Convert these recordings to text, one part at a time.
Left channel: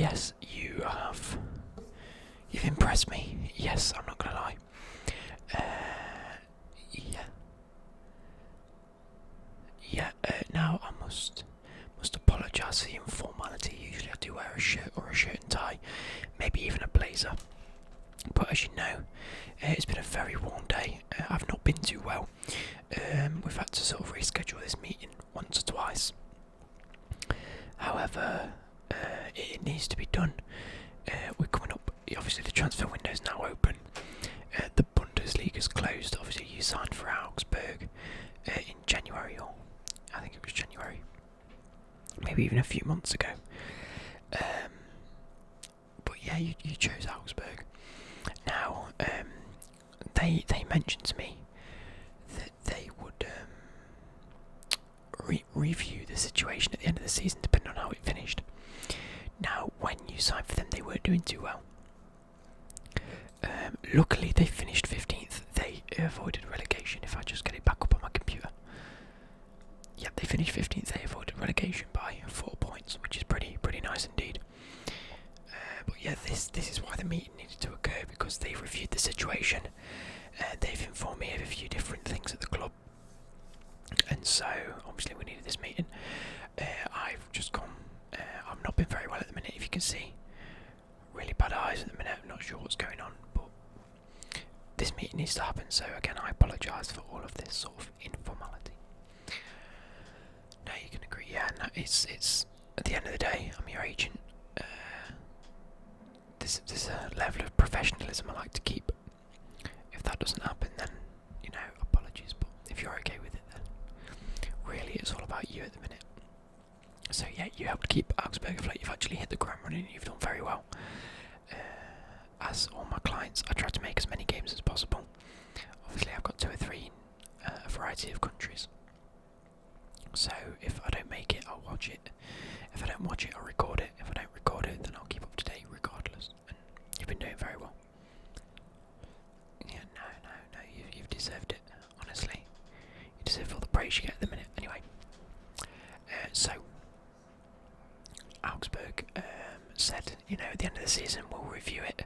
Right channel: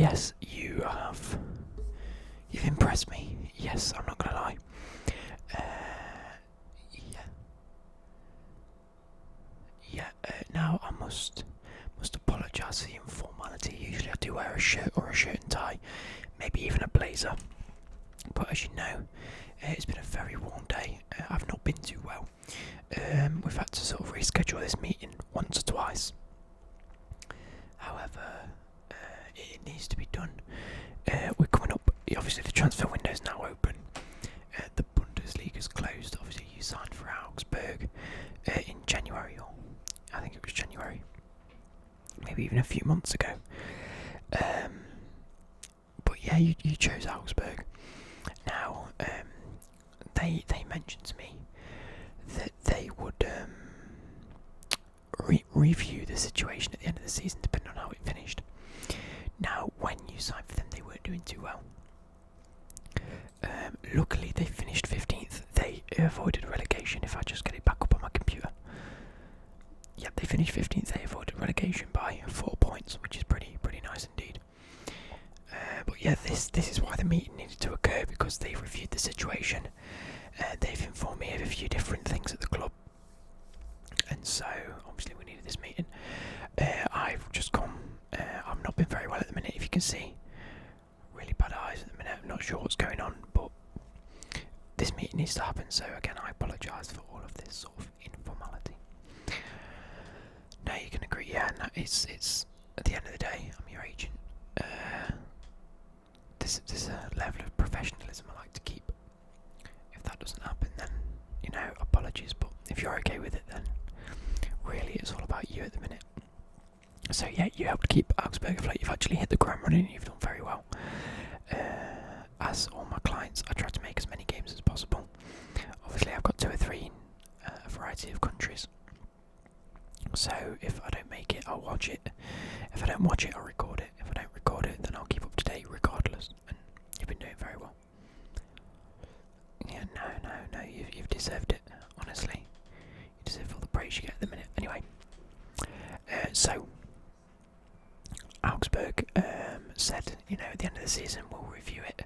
Yes, you've impressed me. Yes, I'm not gonna lie. Yeah. Yeah, now I must apologise for the informality. Usually I do wear a shirt or a shirt and tie, maybe even a blazer. But as you know, it's been a very warm day. I've not been too well. We've had to sort of reschedule this meeting once or twice. However, it needs to be done. We're coming up. Obviously, the transfer window is now open. The Bundesliga's closed. Obviously, you signed for Augsburg in January, or I think it was January, maybe even a few months ago. But yeah, you chose Augsburg. Now, they mentioned to me that they would review the situation at the end of the season, depending on how it finished. Now, when you signed for them, they weren't doing too well. Luckily, they finished 15th. They avoided relegation. If I just get it back up on my computer. Yep, they finished 15th. They avoided relegation by 4 points, which is pretty nice indeed. But yeah, this is why the meeting needed to occur, because they've reviewed the situation. They've informed me of a few different things at the club, and so obviously we needed this meeting. I've just gone. I've not been very well at the minute. If you can see, really bad eyes at the minute. I'm not sure what's going on, but this meeting needs to happen. So again, I apologise for all of this sort of informality. No, you can agree. Yeah, no, it's at the end of the day, I'm your agent. There's a level of professionalism I like to keep. If that doesn't happen, then apologies. But if you're okay with it, then really it's all about you at the minute. So yeah, you helped keep Augsburg afloat. You've actually hit the ground running. You've done very well. As all my clients, I try to make as many games as possible. Obviously, I've got 2 or 3 in a variety of countries. So if I don't make it, I'll watch it. If I don't watch it, I'll record it. If I don't record it, then I'll keep up to date regardless. And you've been doing very well. Yeah, no, you've deserved it. Honestly, you deserve all the praise you get at the minute. Anyway, so Augsburg said, at the end of the season we'll review it.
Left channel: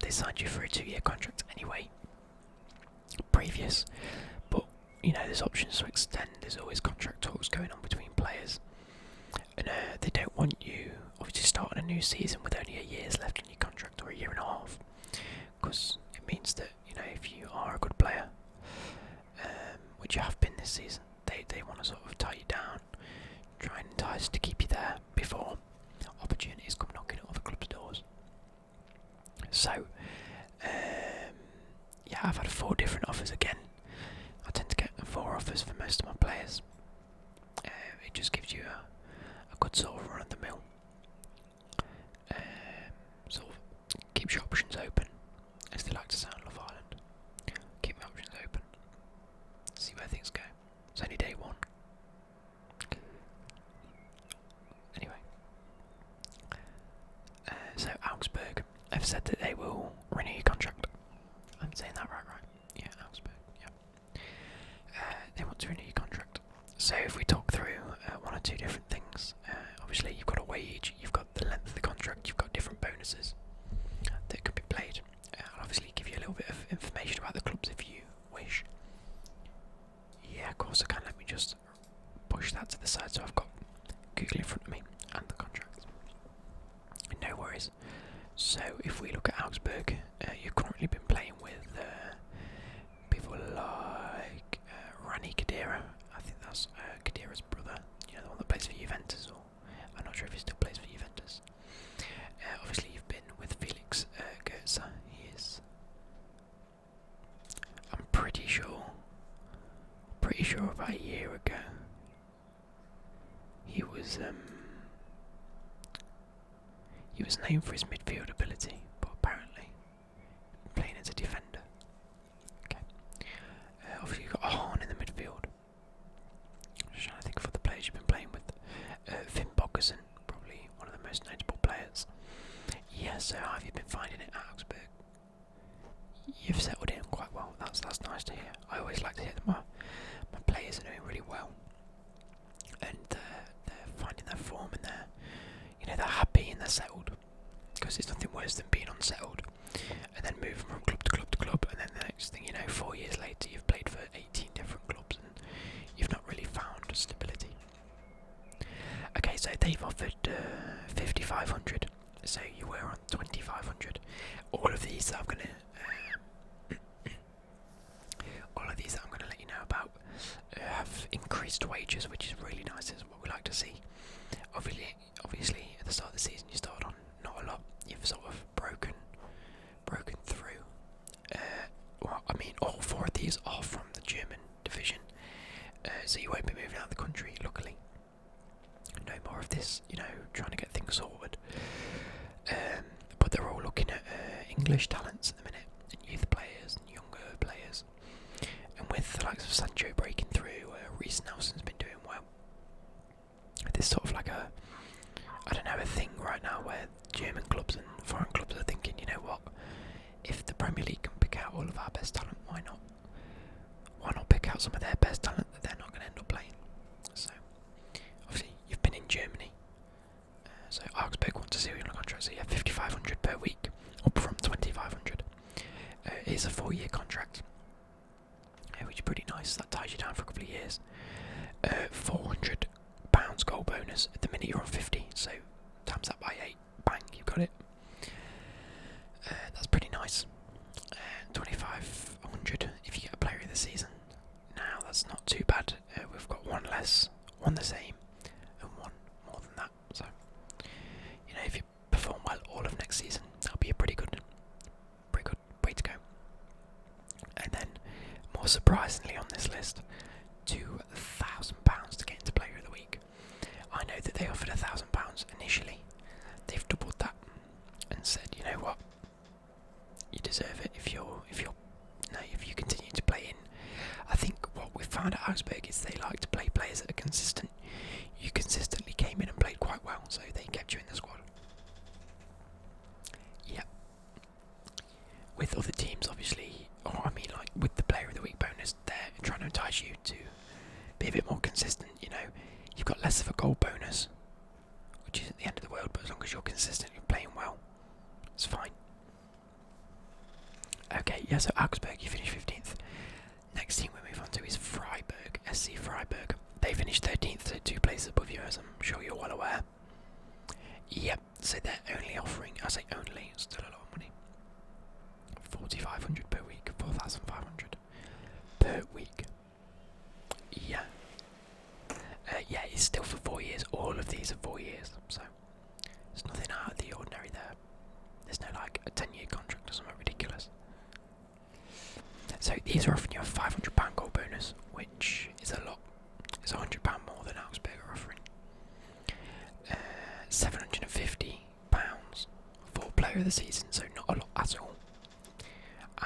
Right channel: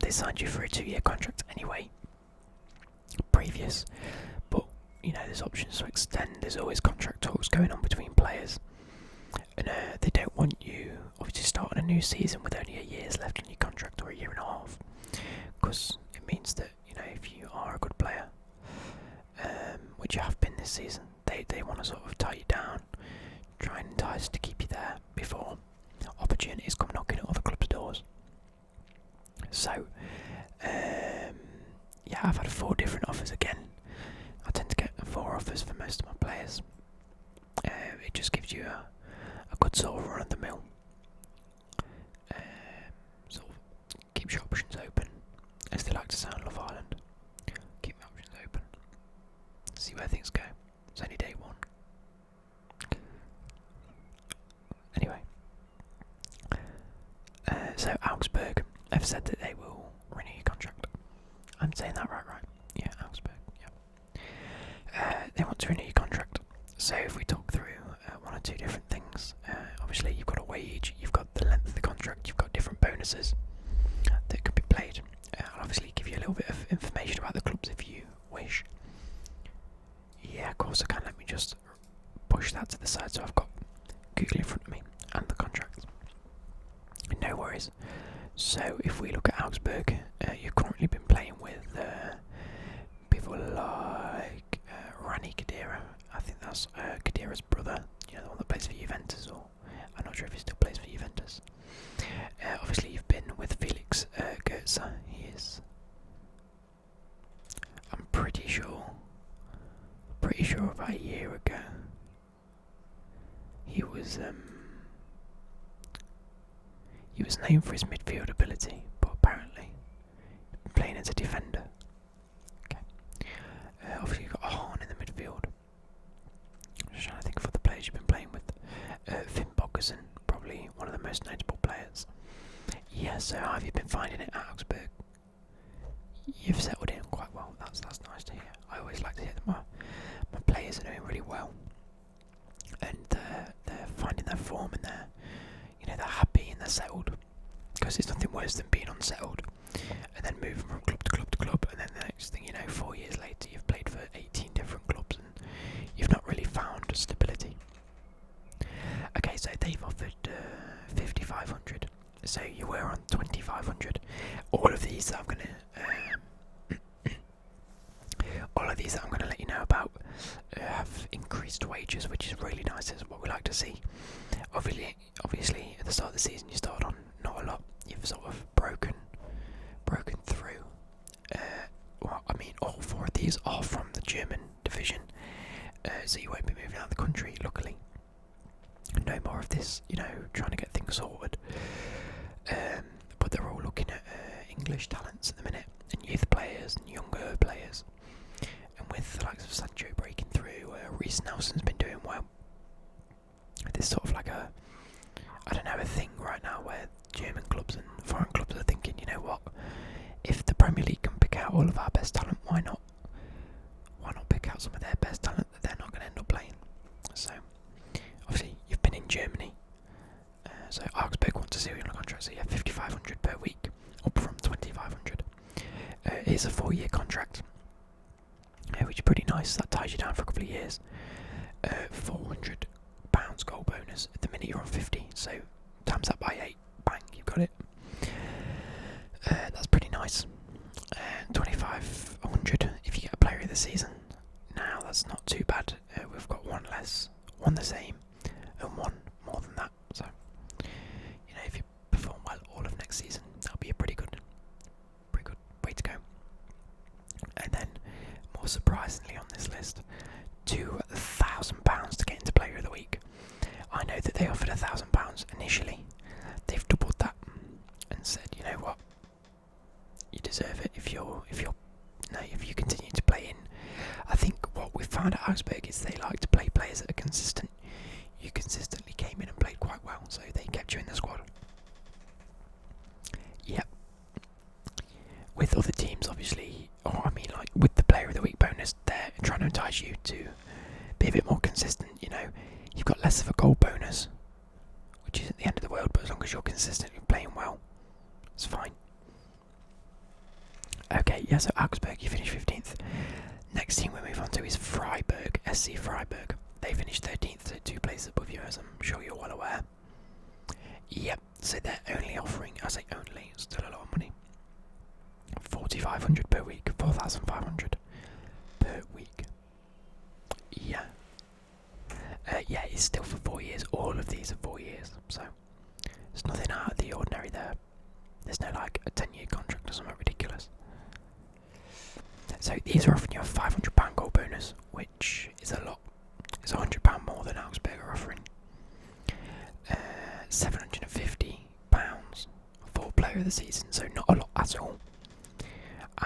They signed you for a 2-year contract anyway, previous, but there's options to extend. There's always contract talks going on between players, and they don't want you obviously starting a new season with only a year's left on your contract, or a year and a half, because it means that if you are a good player, which you have been this season, they want to sort of tie you down, try and entice to keep you there before opportunities come knocking at other clubs' doors. So, yeah, I've had 4 different offers again. I tend to get 4 offers for most of my players. It just gives you a good sort of run of the mill. Sort of keeps your options open, as they like to say on Love Island. Keep your options open. See where things go. It's only day 1. Anyway, so Augsburg have said that they will renew your contract. I'm saying that right? Yeah, Augsburg. Yeah. They want to renew your contract. So if we talk through 1 or 2 different things, obviously you've got a wage, you've got the length of the contract, you've got different bonuses that can be played. I'll obviously give you a little bit of information about the clubs if you wish. Yeah, of course I can. Let me just push that to the side so I've got Google in front of me and the contracts. No worries. So if we look at Augsburg, you've currently been playing with people like Rani Khedira. I think that's Khedira's brother, the one that plays for Juventus, or I'm not sure if he still plays for Juventus. Obviously you've been with Felix Goetze. He is, I'm pretty sure about a year ago, he was named for his midfield ability, but apparently playing as a defender. Okay. Obviously you've got Hahn in the midfield. I'm just trying to think of other players you've been playing with. Finn Bogerson, probably one of the most notable players. Yeah, so how have you been finding it at Augsburg? You've settled in quite well. That's nice to hear. I always like to hear that my players are doing really well, and they're finding their form, and they're happy, and settled, because it's nothing worse than being unsettled and then moving from club to club to club, and then the next thing you know, 4 years later, you've played for 18 different clubs and you've not really found stability. Okay, so they've offered 5,500, so you were on 2,500. All of these that I'm gonna let you know about have increased wages, which is really nice. Is what we like to see. Obviously, at the start of the season, you started on not a lot. You've sort of broken through. Well, I mean, all 4 of these are from the German division, so you won't be moving out of the country. Luckily, no more of this. Trying to get things sorted. But they're all looking at English talents at the minute, and youth players and younger players. And with the likes of Sancho breaking through, Reece Nelson's been doing well. There's sort of like a thing right now where German clubs and foreign clubs are thinking, you know what, if the Premier League can pick out all of our best talent, why not pick out some of their best talent that they're not going to end up playing? So, obviously, you've been in Germany, so Augsburg wants to see you on a contract, so you have 5,500 per week, up from 2,500. It's a 4-year contract, which is pretty nice. That ties you down for a couple of years. £400 goal bonus. At the minute you're on 50, so times that by 8, bang, you've got it. That's pretty nice. 2,500 if you get a player of the season. Now that's not too bad. We've got one less, one the same, and one more than that. So, if you perform well all of next season, that'll be a pretty good way to go. And then, more surprisingly on this list, £2,000 to get into Player of the Week. I know that they offered £1,000 initially. They've doubled that and said, you know what, you deserve it if you continue to play in. I think what we found at Augsburg is they like to play players that are consistent. You consistently came in and played quite well, so they kept you in the squad. Yep. With other teams, obviously, with the Player of the Week bonus, they're trying to entice you to be a bit more consistent. You've got less of a goal bonus, which isn't the end of the world, but as long as you're consistently playing well, it's fine. Okay, yeah, so Augsburg, you finished 15th. Next team we move on to is Freiburg, SC Freiburg. They finished 13th, so 2 places above you, as I'm sure you're well aware. Yep, so they're only offering, I say only, still a lot of money, 4,500 per week, 4,500 per week. Yeah. Yeah, it's still for 4 years. All of these are 4 years, so there's nothing out of the ordinary there. There's no like a 10-year contract or something ridiculous. So these are offering you a £500 goal bonus, which is a lot. It's £100 more than Augsburg are offering. £750 for Player of the Season, so not a lot at all.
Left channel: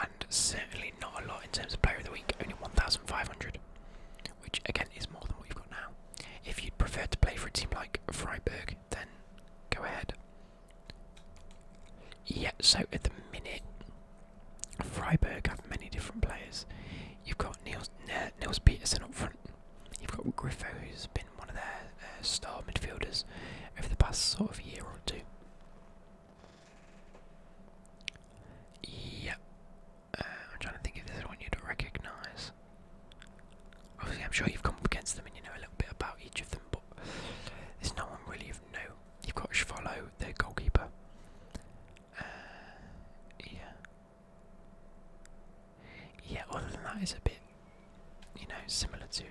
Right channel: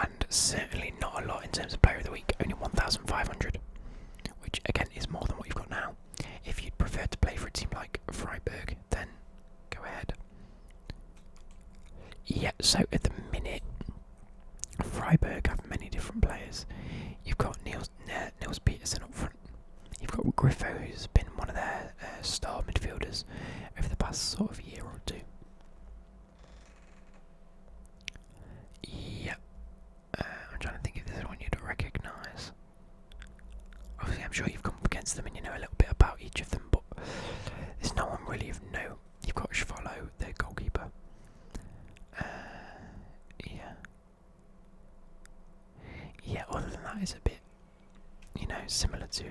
And certainly not a lot in terms of Player of the Week, only 1,500, which again is more than what you've got now. If you'd prefer to play for a team like Freiburg, then go ahead. Yeah, so at the minute, Freiburg have many different players. You've got Niels Peterson up front. You've got Griffo, who's been one of their star midfielders over the past sort of year or two. Yeah. I'm trying to think if there's anyone you'd recognise. Obviously, I'm sure you've come up against them and you know a little bit about each of them, but there's no one really of note. You've got Schwallow, the goalkeeper. Yeah, other than that, it's a bit, similar to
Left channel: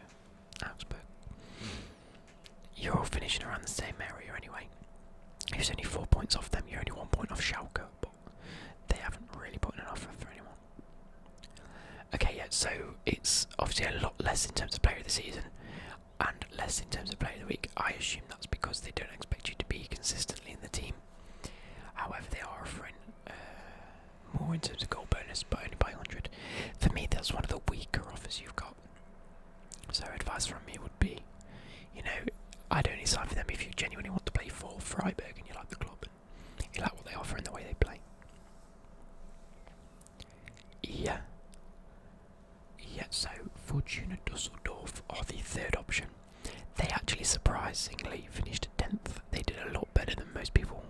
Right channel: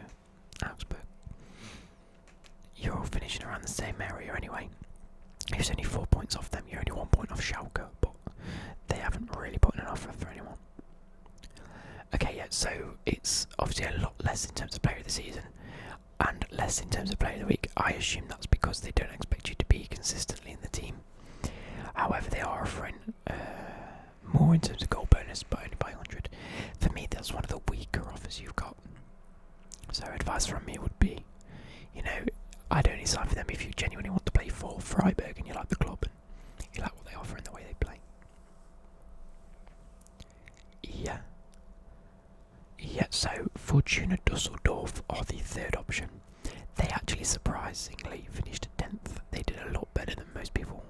Augsburg. You're all finishing around the same area anyway. It's only 4 points off them. You're only 1 point off Schalke, but they haven't really put in an offer for anyone. Okay, yeah, so it's obviously a lot less in terms of Player of the Season and less in terms of Player of the Week. I assume that's because they don't expect you to be consistently in the team. However, they are offering more in terms of goal bonus, but only by 100. For me, that's one of the weaker offers you've got. So advice from me would be, I'd only sign for them if you genuinely want to play for Freiburg and you like the club and you like what they offer and the way they play. Yeah. Yeah, so Fortuna Düsseldorf are the third option. They actually surprisingly finished 10th. They did a lot better than most people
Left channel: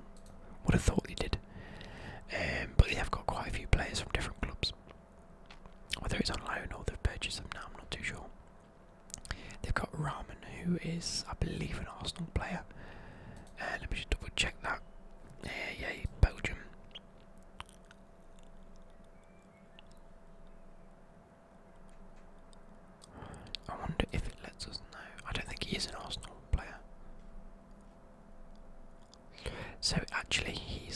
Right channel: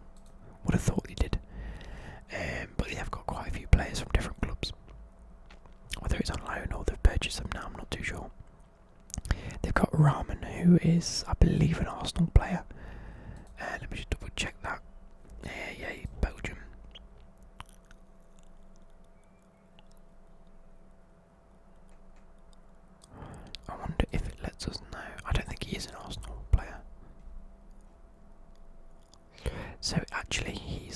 who is, I believe, an Arsenal player. Let me just double check that. Yeah, Belgium. I wonder if it lets us know. I don't think he is an Arsenal player. So actually he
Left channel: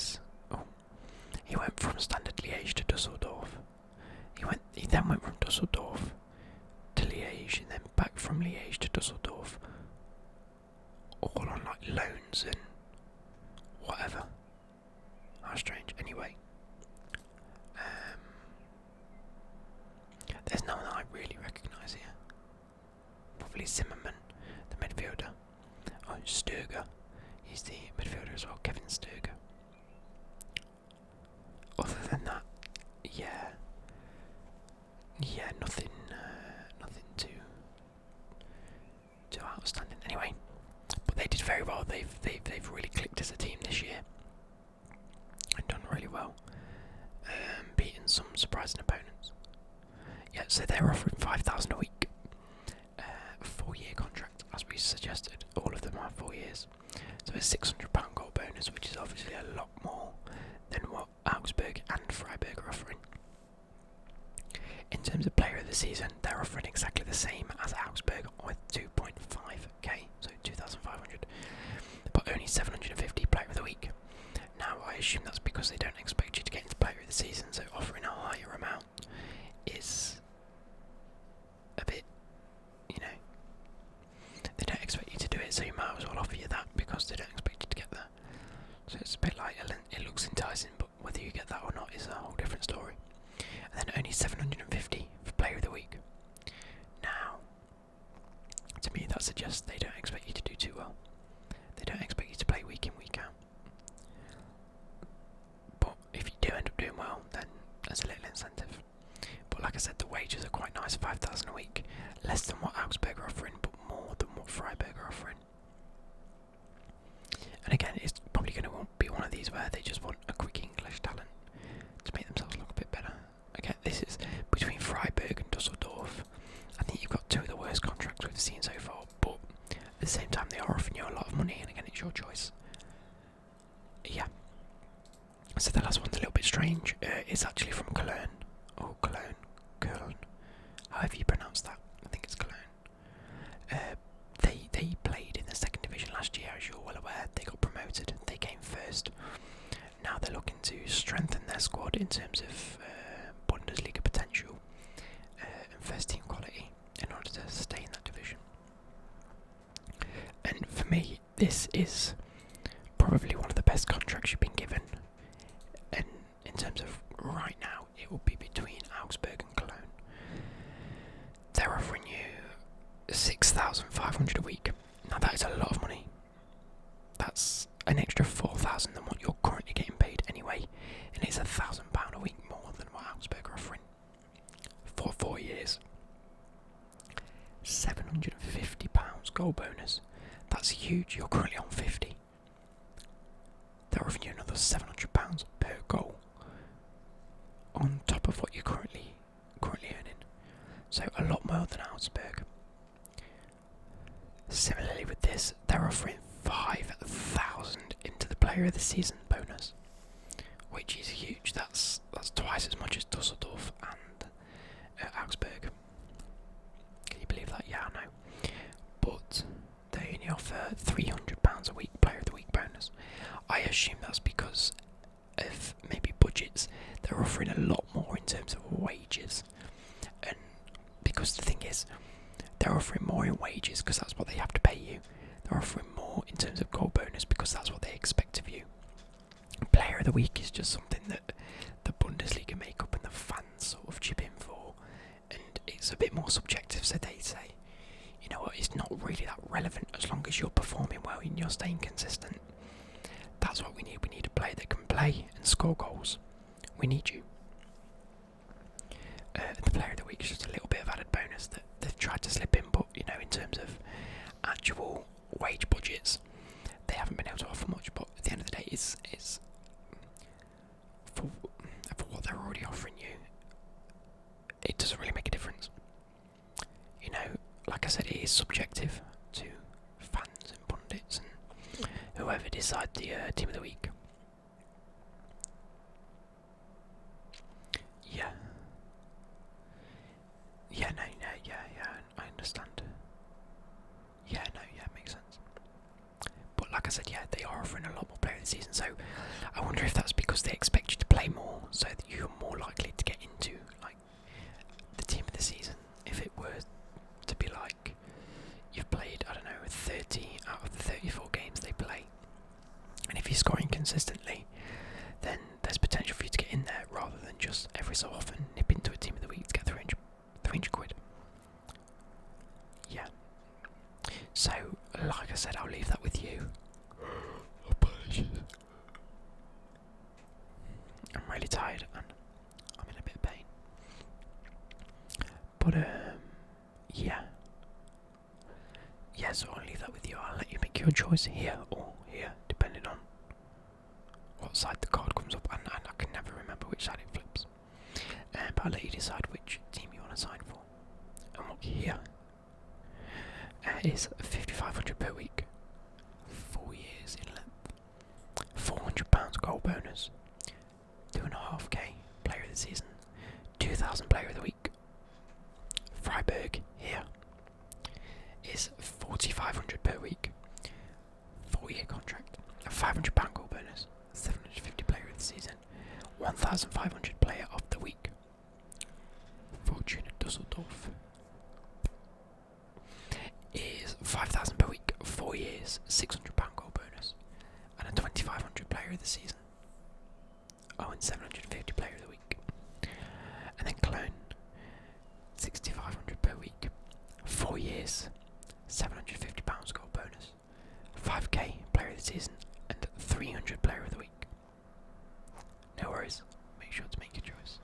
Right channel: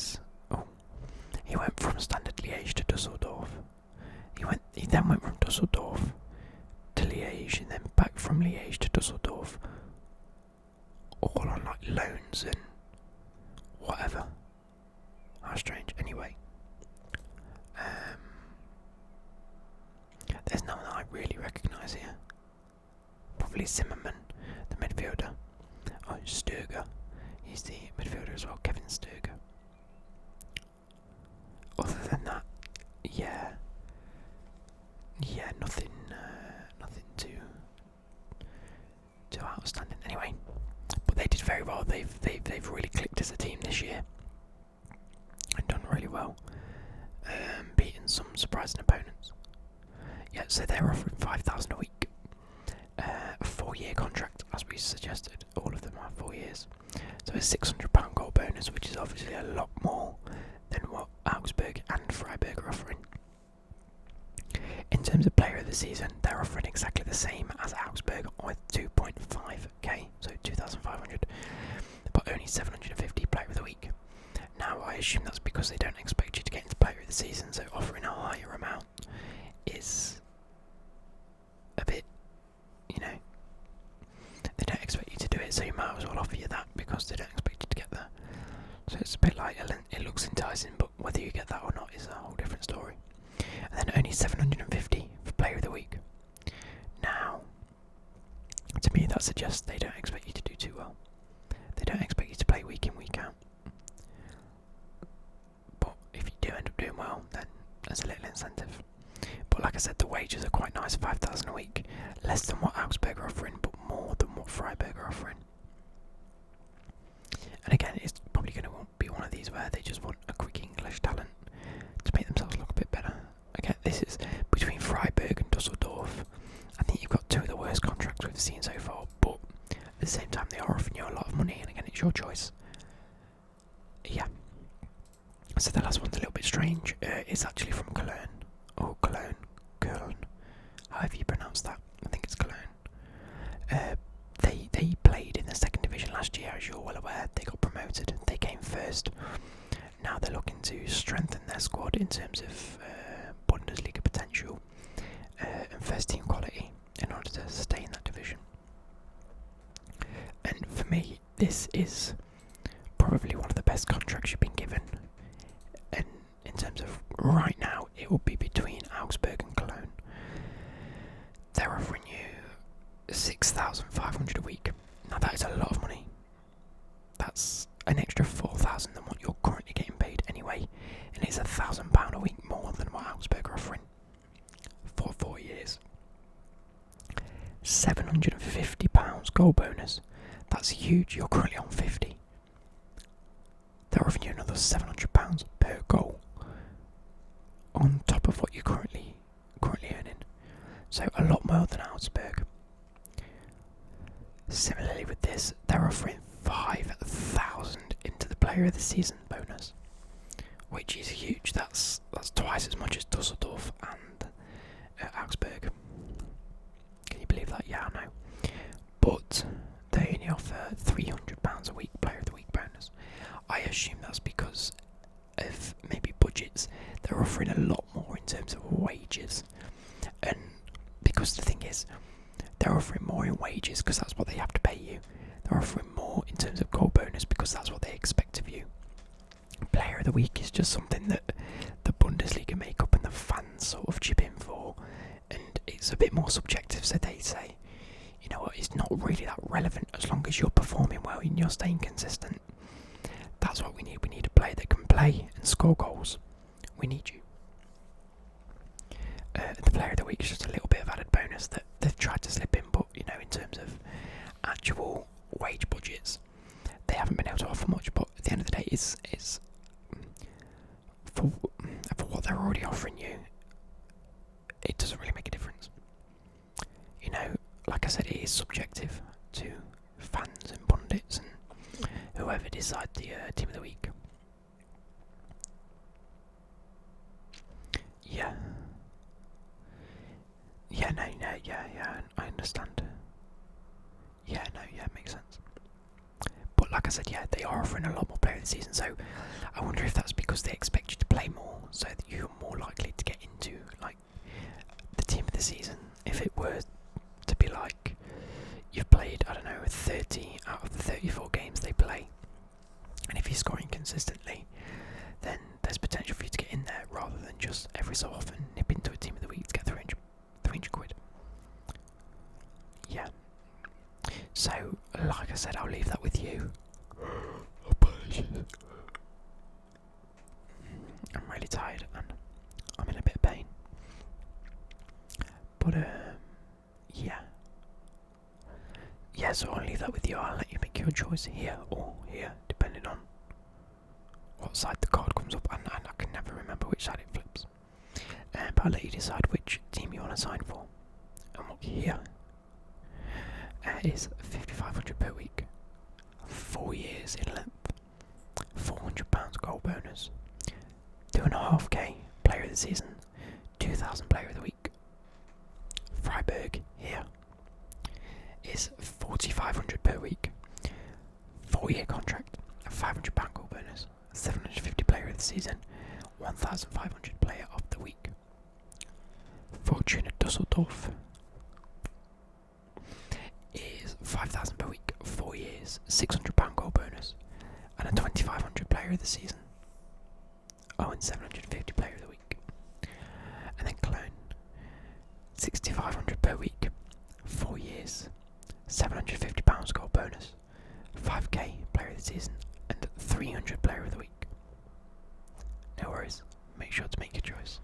went from Standard Liège to Düsseldorf. He then went from Düsseldorf to Liège and then back from Liège to Düsseldorf. All on like loans and whatever. How strange. Anyway. There's no one that I really recognise here. Probably Zimmerman, the midfielder. Oh, Sturger. He's the midfielder as well, Kevin Sturger. Other than that, yeah, nothing too outstanding. Anyway, but they did very well. They've really clicked as a team this year and done really well, beating some surprising opponents. Yeah, so they're offering 5,000 a week, a 4-year contract, as we suggested. All of them are 4 years. So a £600 goal bonus, which is obviously a lot more than what Augsburg and Freiburg are offering. In terms of player of the season, they're offering exactly the same as Augsburg with 2.5k, so 2,500, but only 750 player of the week. Now I assume that's because they don't expect you to get into player of the season, so offering a higher amount is a bit, they don't expect you to do it, so you might as well offer you that because they don't expect you to get there. So it's a bit like, it looks enticing, but whether you get that or not is a whole different story. And then only 750 for player of the week. Now, to me that suggests they don't expect you to do too well. They don't expect you to play week in, week out. But if you do end up doing well, then there's a little incentive. But like I said, the wages are quite nice, 5,000 a week. Less than what Augsburg are offering, but more than what Freiburg are offering. And again, it's probably going to be one of these where they just want a quick English talent to make themselves look a bit better. Again, this is between Freiburg and Düsseldorf. I think you've got two of the worst contracts we've seen so far, but at the same time they are offering you a lot of money, and again, it's your choice. Yeah. So the last one's a little bit strange. It's actually from Cologne. Or Cologne. However you pronounce that. I think it's Cologne. They played in the second division last year, as you're well aware. They got promoted. They came first. Now they're looking to strengthen their squad in terms of Bundesliga potential and first team quality in order to stay in that division. And for me, this is probably one of the best contracts you've been given. And in terms of right now, it will be between Augsburg and Cologne. They're offering you 6,500 a week. Now that is a lot of money. That's an extra 4,000 than what you're currently getting paid anyway, and it's £1,000 a week more than what Augsburg are offering for 4 years. £750 goal bonus. That's huge. You're currently on 50. They're offering you another £700 per goal on top of what you're currently earning. So a lot more than Augsburg. Similarly with this, they're offering 5,000 into the player of the season bonus, which is huge. That's twice as much as Düsseldorf and Augsburg. Can you believe that? Yeah, I know. But they only offer £300 a week player of the week bonus. I assume that's because of maybe budgets. They're offering a lot more in terms of wages, and because the thing is, they're offering more in wages because that's what they have to pay you. They're offering more in terms of goal bonus because that's what they expect of you. Player of the week is just something that the Bundesliga make up and the fans sort of chip in for, and it's a bit more subjective. So they say, you know what, it's not really that relevant as long as you're performing well and you're staying consistent. That's what we need. We need a player that can play and score goals. We need you. The player of the week is just a little bit of added bonus that they've tried to slip in, but in terms of actual wage budgets, they haven't been able to offer much. But at the end of the day, it's for what they're already offering you, it doesn't really make a difference. Like I said, it is subjective to whoever decide the team of the week. Yeah. Yeah, no, yeah, I understand. Yeah, no, yeah, makes sense. But like I said, yeah, they are offering a lot more player this season, so I wonder if that's because they expect you to play more, so that you're more likely to get into, like, the team of the season. If it were to be like, you've played, I don't know, 30 out of the 34 games they play, and if you're scoring consistently, then there's potential for you to get in there, rather than just every so often nip into a team of the week to get 300 quid. Yeah. So, like I said, I'll leave that with you. Apologies. I'm really tired and I'm in a bit of pain. But, yeah. Yeah, so I'll leave that with you. I'll let you make your choice here or here, depending on what side the card comes up. And I can never remember which side it flips. But I'll let you decide which team you want to sign for. And what here is £5,500 per week, 4 years in length, £400 goal bonus, 2.5k player of the season, 2,000 player of the week. Freiburg here is £4,500 per week, 4-year contract, a £500 goal bonus, 750 player of the season, 1,500 player of the week. Fortuna Düsseldorf is 5,000 per week, 4 years, £600 goal bonus, and a 2,500 player of the season. Oh, and 750 player of the week. And then Cologne, 6,500 per week, 4 years, £750 goal bonus, 5k player of the season, and 300 player of the week. No worries, make sure to make your choice.